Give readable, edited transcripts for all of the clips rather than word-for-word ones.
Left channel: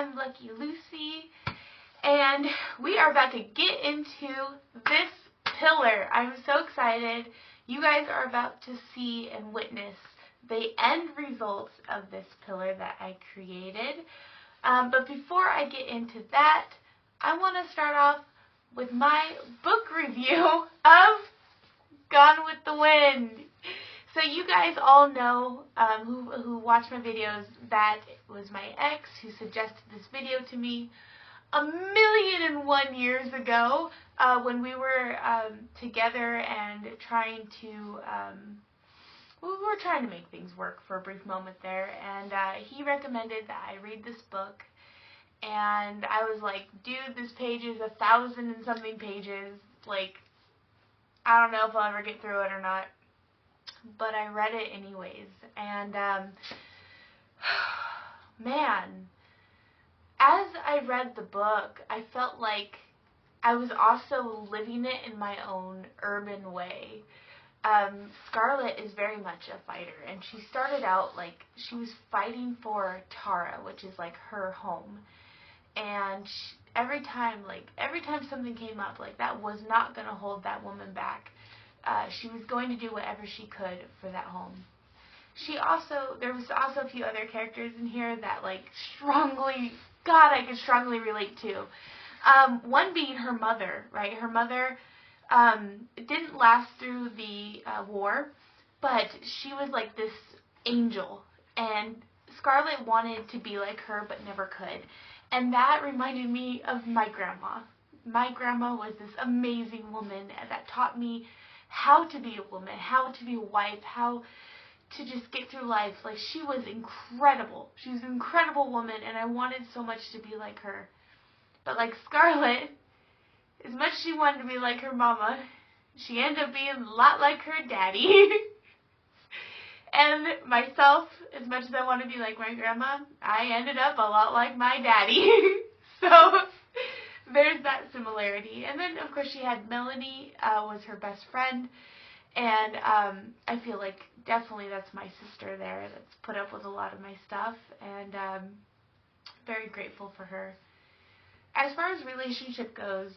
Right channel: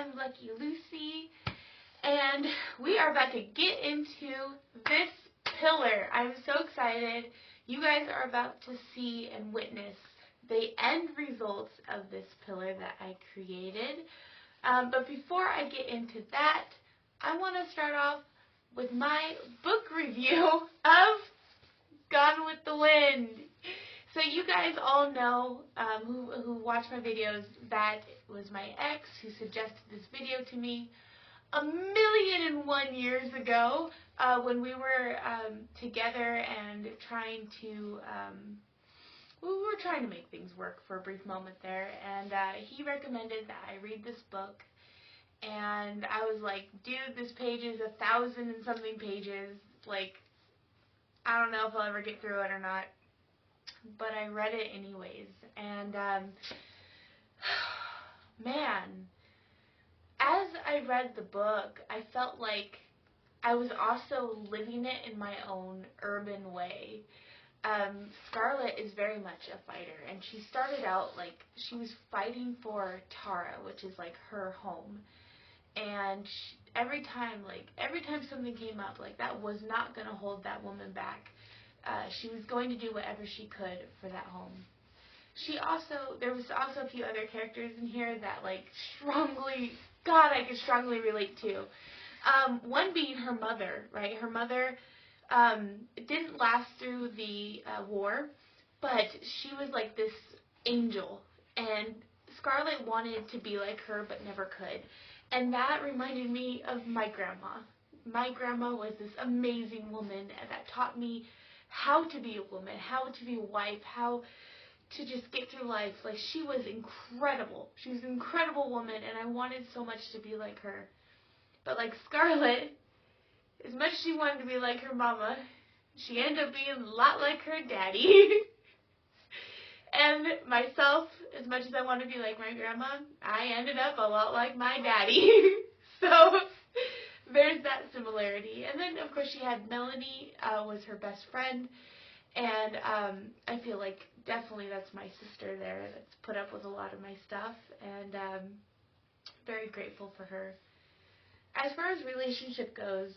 am Lucky Lucy, and we are about to get into this pillar. I'm so excited. You guys are about to see and witness the end results of this pillar that I created. But before I get into that, I want to start off with my book review of Gone with the Wind. So you guys all know, who watch my videos, that it was my ex who suggested this video to me 1,000,001 years ago, when we were together and trying to, we were trying to make things work for a brief moment there, and he recommended that I read this book, and I was like, dude, this page is 1,000 and something pages, like, I don't know if I'll ever get through it or not. But I read it anyways, and man, as I read the book, I felt like I was also living it in my own urban way. Scarlett is very much a fighter, and she started out like she was fighting for Tara, which is like her home, and every time something came up, like that was not going to hold that woman back. She was going to do whatever she could for that home. There was also a few other characters in here that I could strongly relate to. One being her mother, right? Her mother didn't last through the war, but she was like this angel, and Scarlett wanted to be like her but never could. And that reminded me of my grandma. My grandma was this amazing woman that taught me how to be a woman, how to be a wife, how to just get through life. Like, she was incredible. She was an incredible woman, and I wanted so much to be like her. But like Scarlett, as much as she wanted to be like her mama, she ended up being a lot like her daddy. And myself, as much as I want to be like my grandma, I ended up a lot like my daddy. So there's that similarity. And then, of course, she had Melanie, was her best friend. And I feel like definitely that's my sister there that's put up with a lot of my stuff. And very grateful for her. As far as relationship goes,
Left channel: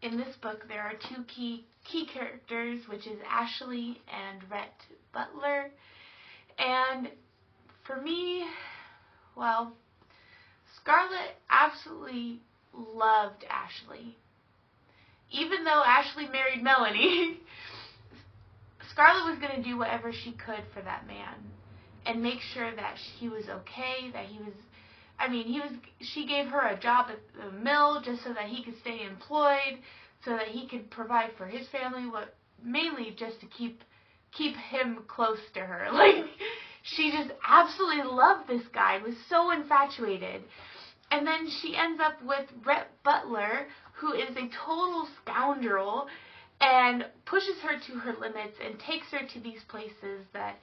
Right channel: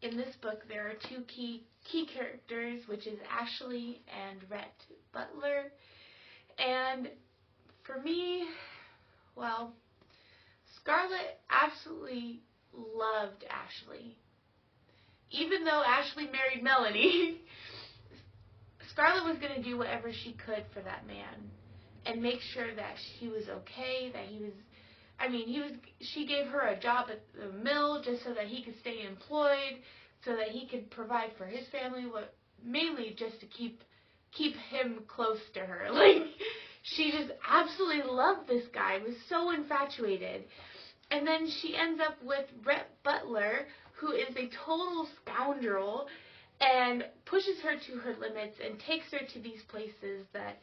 in this book there are two key characters, which is Ashley and Rhett Butler. And for me, well, Scarlett absolutely loved Ashley. Even though Ashley married Melanie, Scarlett was going to do whatever she could for that man and make sure that he was okay, that she gave her a job at the mill just so that he could stay employed, so that he could provide for his family, mainly just to keep him close to her. Like, she just absolutely loved this guy, was so infatuated. And then she ends up with Rhett Butler, who is a total scoundrel, and pushes her to her limits and takes her to these places that,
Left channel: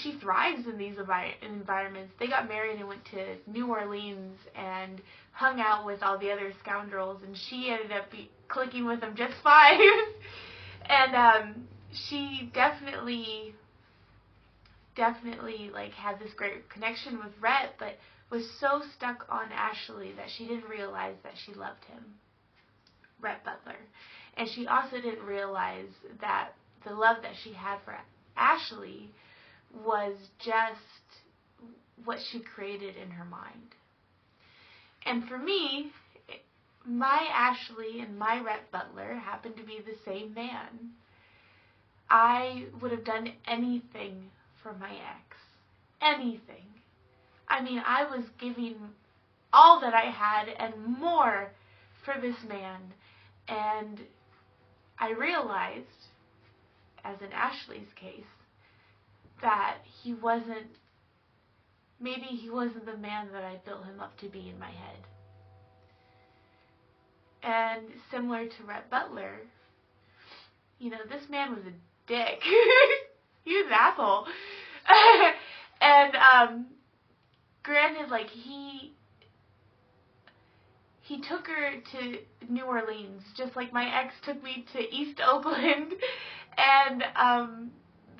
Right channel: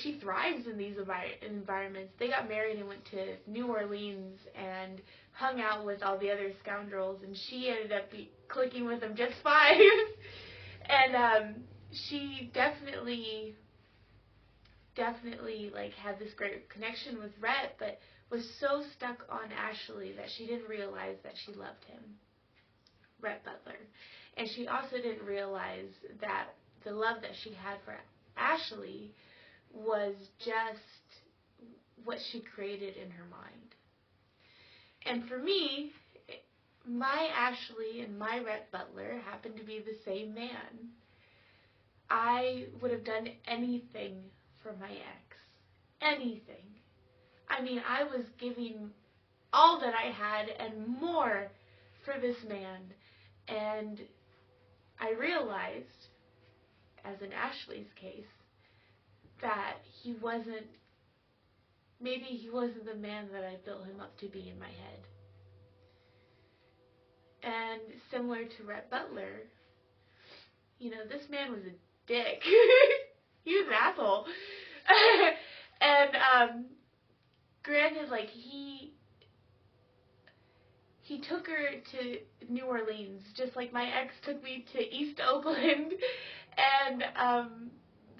she thrives in these environments. They got married and went to New Orleans and hung out with all the other scoundrels, and she ended up clicking with them just fine. And she definitely had this great connection with Rhett, but was so stuck on Ashley that she didn't realize that she loved him, Rhett Butler. And she also didn't realize that the love that she had for Ashley was just what she created in her mind. And for me, my Ashley and my Rhett Butler happened to be the same man. I would have done anything for my ex. Anything. I was giving all that I had and more for this man. And I realized, as in Ashley's case, that maybe he wasn't the man that I built him up to be in my head. And similar to Rhett Butler, this man was a dick. He was an asshole. And granted, like, he took her to New Orleans, just like my ex took me to East Oakland. And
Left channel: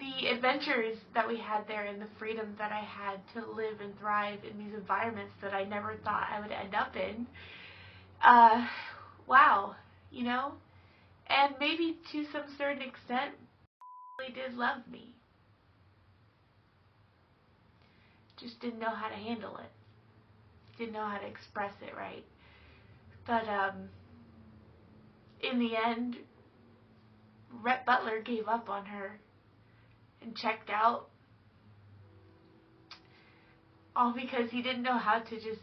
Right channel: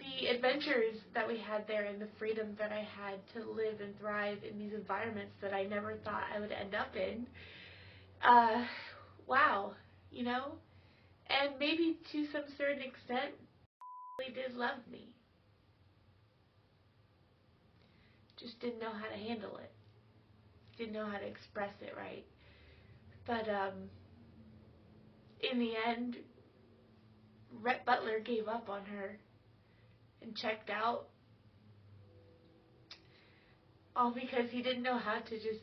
the adventures that we had there and the freedom that I had to live and thrive in these environments that I never thought I would end up in. Wow, you know? And maybe to some certain extent, really did love me. Just didn't know how to handle it. Didn't know how to express it right. But in the end, Rhett Butler gave up on her and checked out. All because he didn't know how to just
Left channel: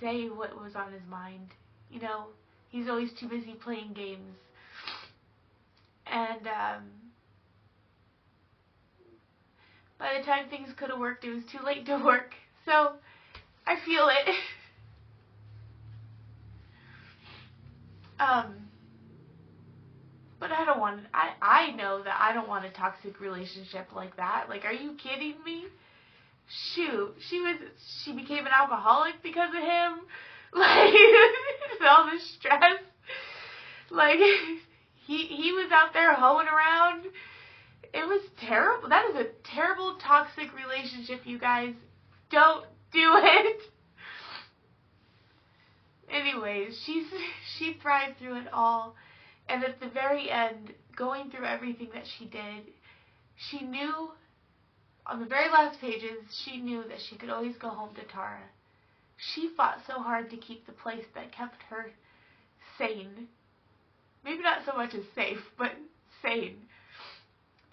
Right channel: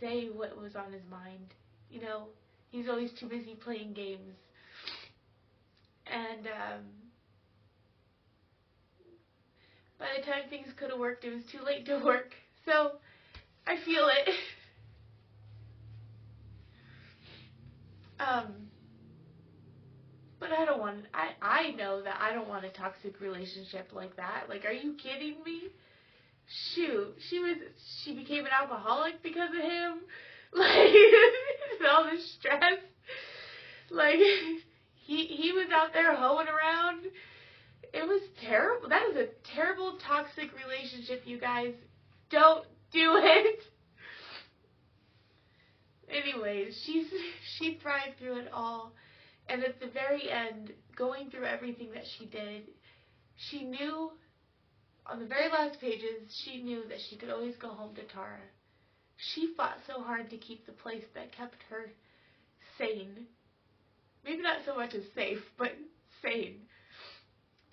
say what was on his mind. You know, he's always too busy playing games. And by the time things could have worked, it was too late to work. So, I feel it. But I don't want, I know that I don't want a toxic relationship like that. Like, are you kidding me? Shoot, she became an alcoholic because of him. Like, all the stress. Like, he was out there hoeing around. It was terrible. That is a terrible toxic relationship, you guys. Don't do it. Anyways, she thrived through it all. And at the very end, going through everything that she did, she knew, on the very last pages, she knew that she could always go home to Tara. She fought so hard to keep the place that kept her sane. Maybe not so much as safe, but sane.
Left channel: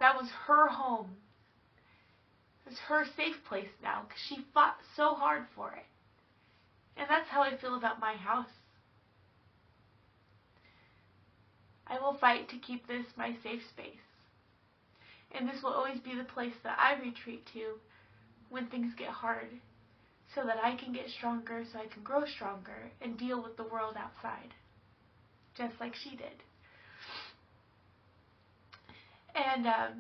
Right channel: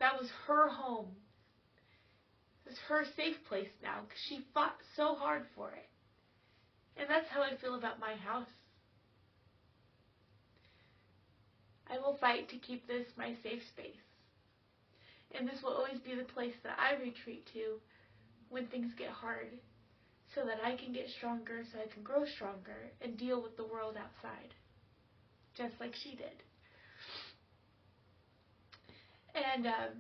That was her home. It was her safe place now, because she fought so hard for it. And that's how I feel about my house. I will fight to keep this my safe space. And this will always be the place that I retreat to when things get hard, so that I can get stronger, so I can grow stronger and deal with the world outside, just like she did. And at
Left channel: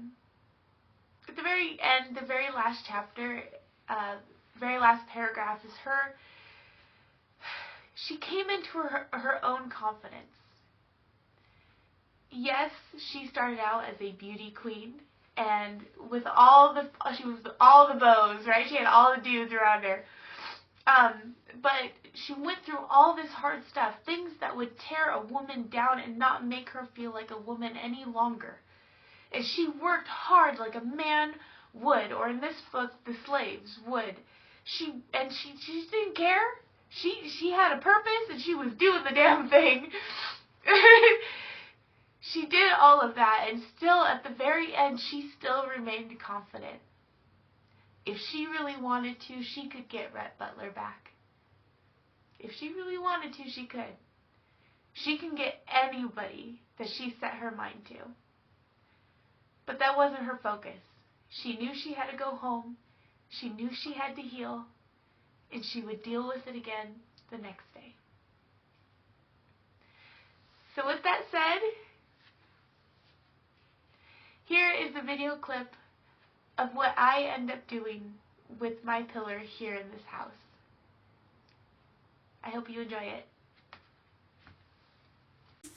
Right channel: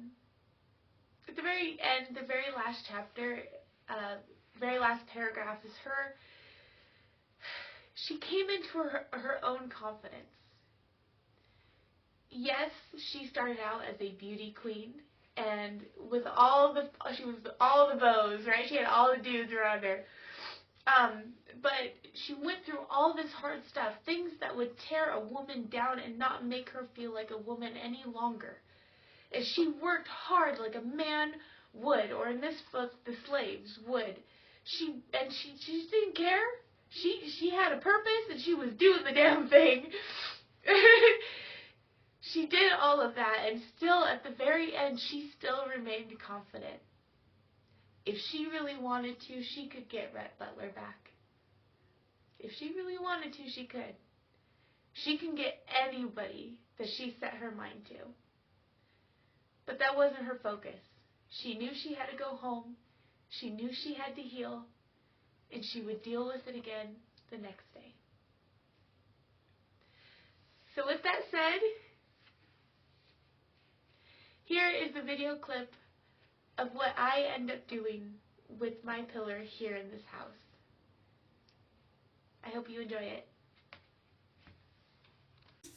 the very end, the very last chapter, very last paragraph is her. She came into her own confidence. Yes, she started out as a beauty queen, and with she was all the beaux, right? She had all the dudes around her. But she went through all this hard stuff, things that would tear a woman down and not make her feel like a woman any longer. And she worked hard like a man would, or in this book, the slaves would. She just didn't care. She had a purpose, and she was doing the damn thing. She did all of that, and still, at the very end, she still remained confident. If she really wanted to, she could get Rhett Butler back. If she really wanted to, she could. She can get anybody that she set her mind to. But that wasn't her focus. She knew she had to go home. She knew she had to heal. And she would deal with it again the next day. So with that said, here is a video clip of what I end up doing with my pillar here in this house. I hope you enjoy it.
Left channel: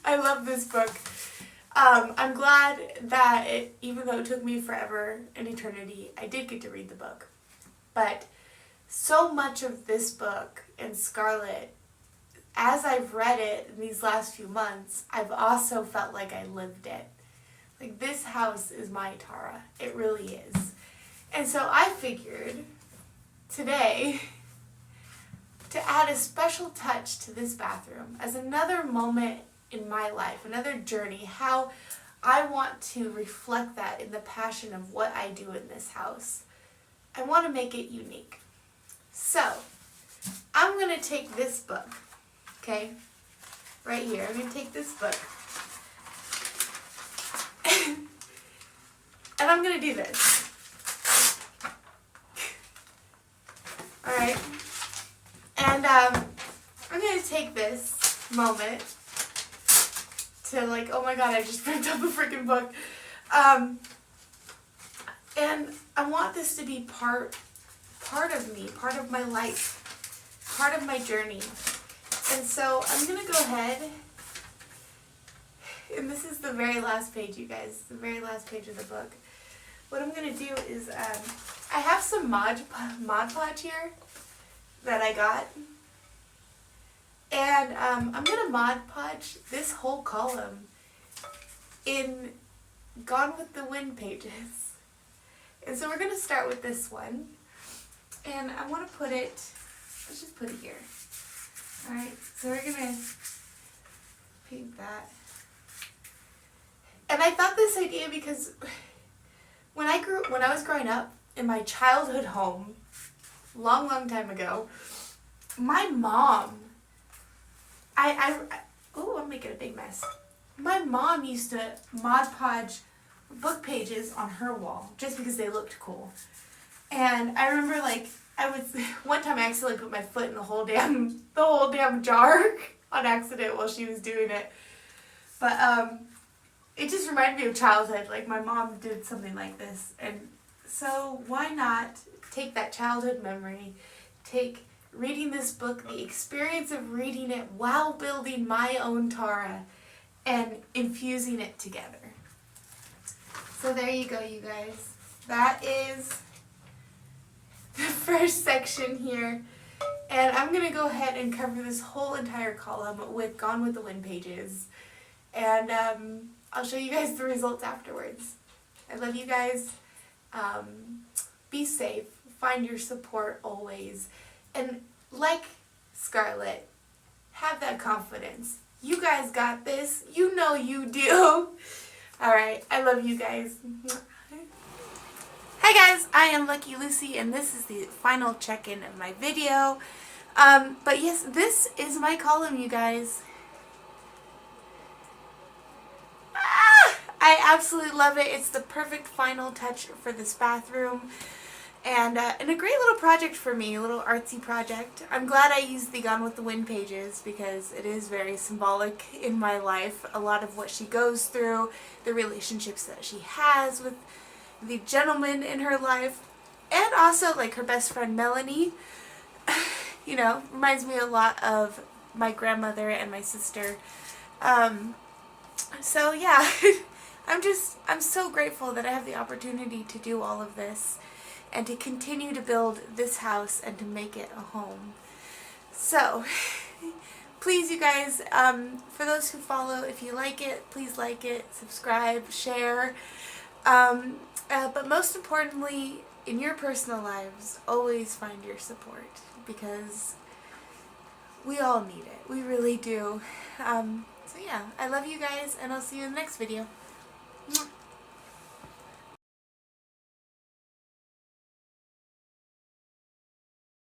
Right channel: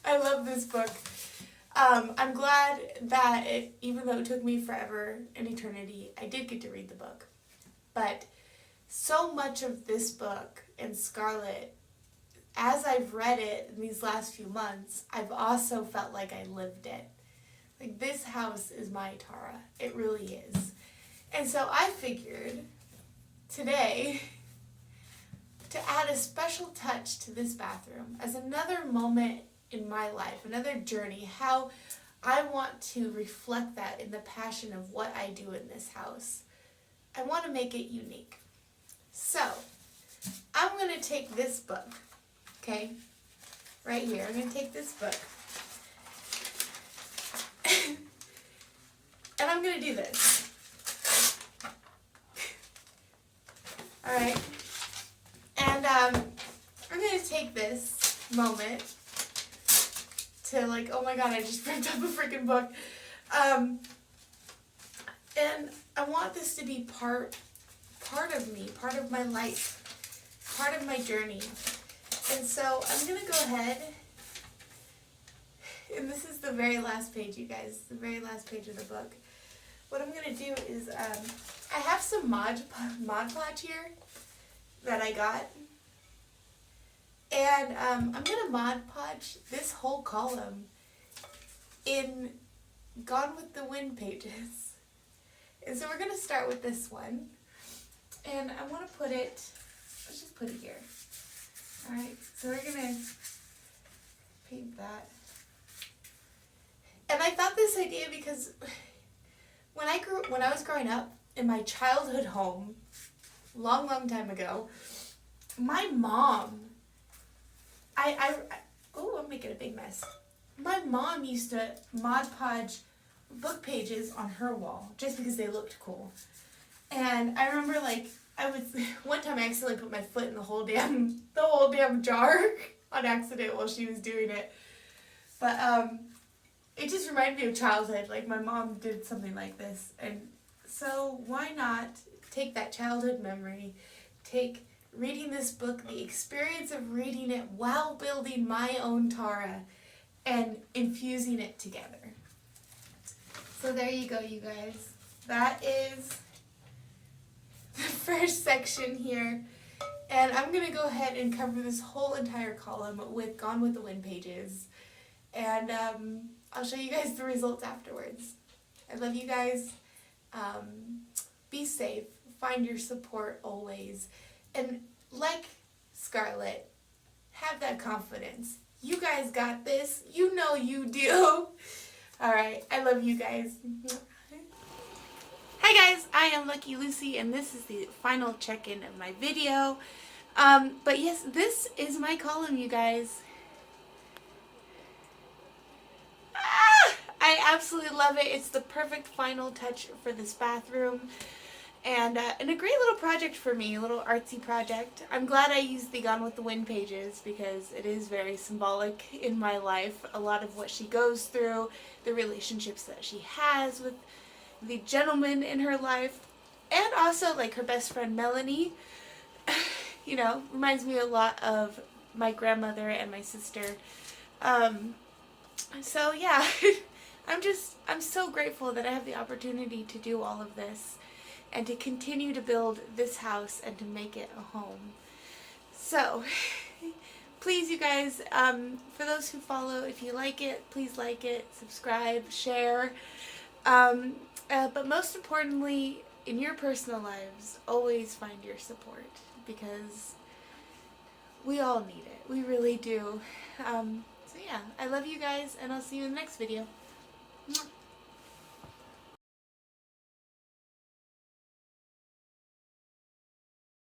I love this book. I'm glad that even though it took me forever, an eternity, I did get to read the book. But so much of this book and Scarlet, as I've read it in these last few months, I've also felt like I lived it. Like, this house is my Tara. It really is. And so I figured today to add a special touch to this bathroom as another moment in my life, another journey, how I want to reflect that in the passion of what I do in this house. I want to make it unique. So, I'm going to take this book, okay, right here. I'm going to take this book. And I'm going to do this. Alright? And I'm going to take this moment to, like, oh my god, I just picked up a freaking book. And I want this to be part of me, part of my life, part of my journey. And so I'm going to go ahead And this is the very last page, you guys. The very last page of the book. What I'm going to do is, I have some Mod Podge here that I got. And I'm going to Mod Podge this whole column in Gone with the Wind pages. And so we're going to start with this one. And I want to put it, let's just put it here. Alright, so we're going to paint that. And I thought this idea because when I was growing up in my childhood home, long time ago, my mom, I'm making a big mess. My mom used to Mod Podge book pages on her wall just because they looked cool. And I remember one time I accidentally put my foot in the whole damn jar on accident while she was doing it. But it just reminded me of childhood. Like my mom did something like this, and so why not take that childhood memory, take reading this book, the experience of reading it while building my own Tara, and infusing it together. So there you go, you guys. That is the first section here. And I'm going to go ahead and cover this whole entire column with Gone with the Wind pages. And I'll show you guys the results afterwards. I love you guys. Be safe. Find your support always. And like Scarlett, have that confidence. You guys got this. You know you do. Alright, I love you guys. Hi guys, I am Lucky Lucy, and this is the final check-in of my video. But yes, this is my column, you guys. I absolutely love it. It's the perfect final touch for this bathroom. And a great little project for me, a little artsy project. I'm glad I used the Gone with the Wind pages because it is very symbolic in my life. A lot of what she goes through, the relationships that she has with the gentleman in her life, and also like her best friend Melanie. You know, reminds me a lot of my grandmother and my sister. So yeah, I'm so grateful that I have the opportunity to do all of this and to continue to build this house and to make it a home. So, please you guys, for those who follow, if you like it, please like it, subscribe, share. But most importantly, in your personal lives, always find your support because we all need it. We really do. So yeah, I love you guys, and I'll see you in the next video. Mwah.